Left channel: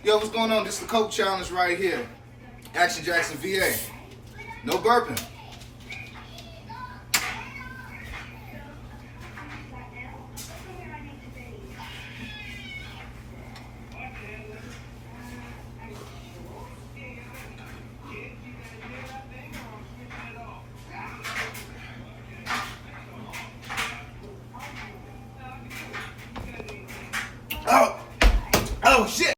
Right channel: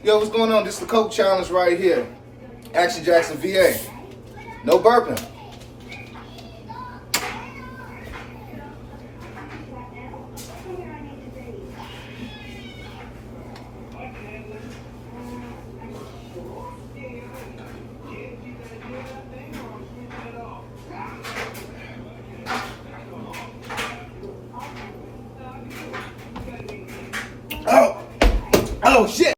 Yo, what's going on? This is the Coke Challenge right here. Action Jackson, VA. No burping. Oh, oh shit.